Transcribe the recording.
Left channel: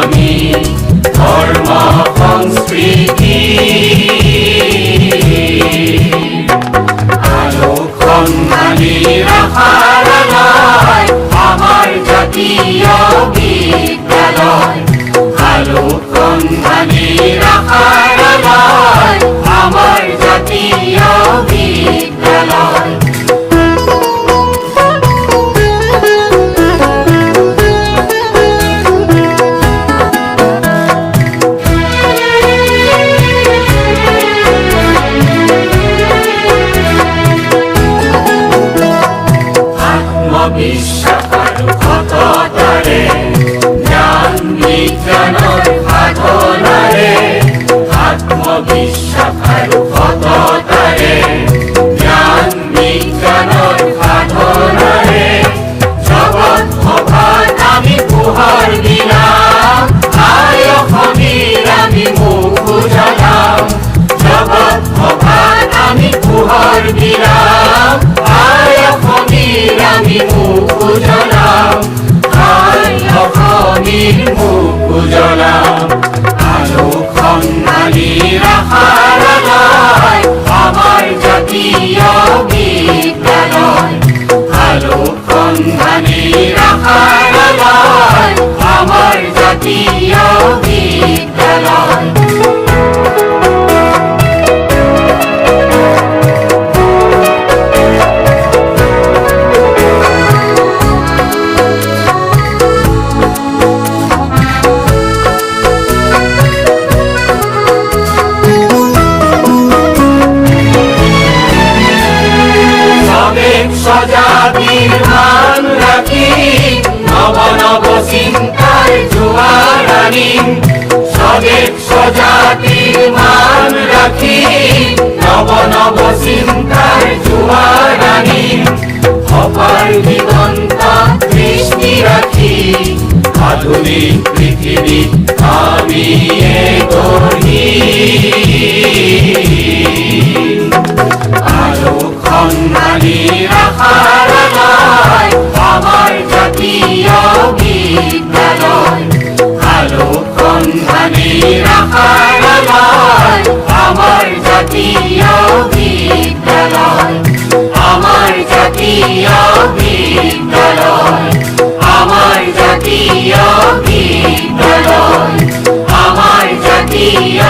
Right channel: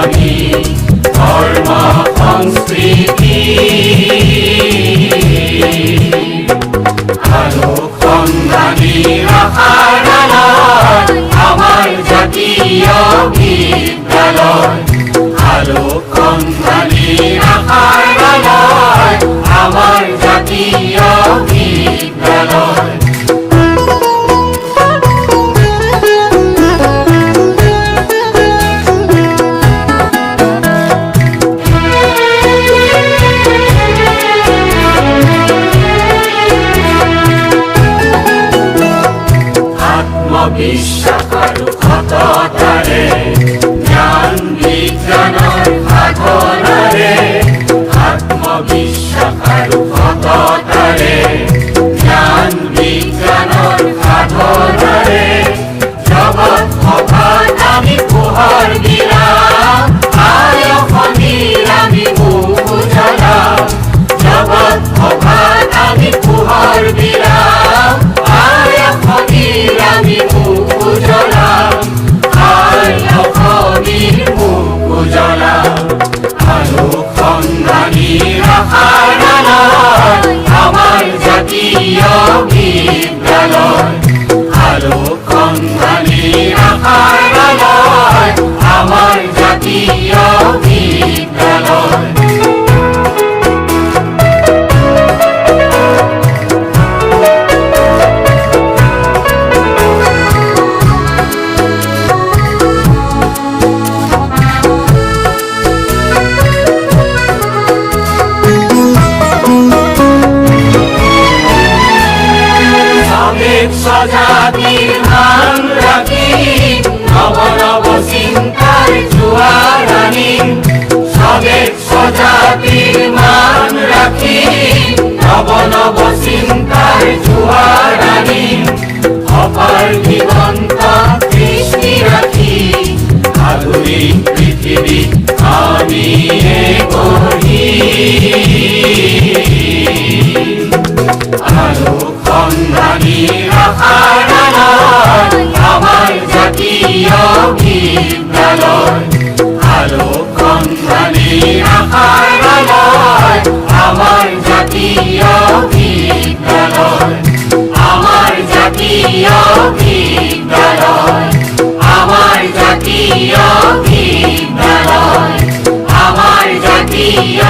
আমি ধর্ম সংস্কৃতি আলো সন্ধানী রাখার আমার জাতীয় বিদ্যালয় আলো সন্ধানী রাখার আমার জাতীয় বিদ্যালয় বিশ্বাসরে জ্ঞান বিজ্ঞানের সাধনারে আত্মবিশ্বাসরে জ্ঞান বিজ্ঞানের সাধনারে জগৎ সভাত আমি পোহৰ দিলাম আয় খনিৰ আমি মুখ উজালাম জগৎ সভাত আমি পোহৰ দিলাম আয় খনিৰ আমি মুখ উজালাম আয় খনিৰ মুখ উজালাম আলো সন্ধানী ৰাখাৰ আমাৰ জাতীয় বিদ্যালয় আলো সন্ধানী ৰাখাৰ আমাৰ জাতীয় বিদ্যালয় সজাতির মান রাখি নব নব চিন্তার জোয়ার আনিম স্বদেশ সজাতির মান রাখি নব নব চিন্তার জোয়ার আনিম অপার দিগন্ত দৃষ্টি রাখি আধুনিক পৃথিবী আমি গঢ়ি আলো সন্ধানী ৰাখাৰ আমাৰ জাতীয় বিদ্যালয় আলো সন্ধানী ৰাখাৰ আমাৰ জাতীয় বিদ্যালয় আমাৰ জাতীয় বিদ্যালয় আমাৰ জাতীয় বিদ্যালয় আমাৰ জাতীয়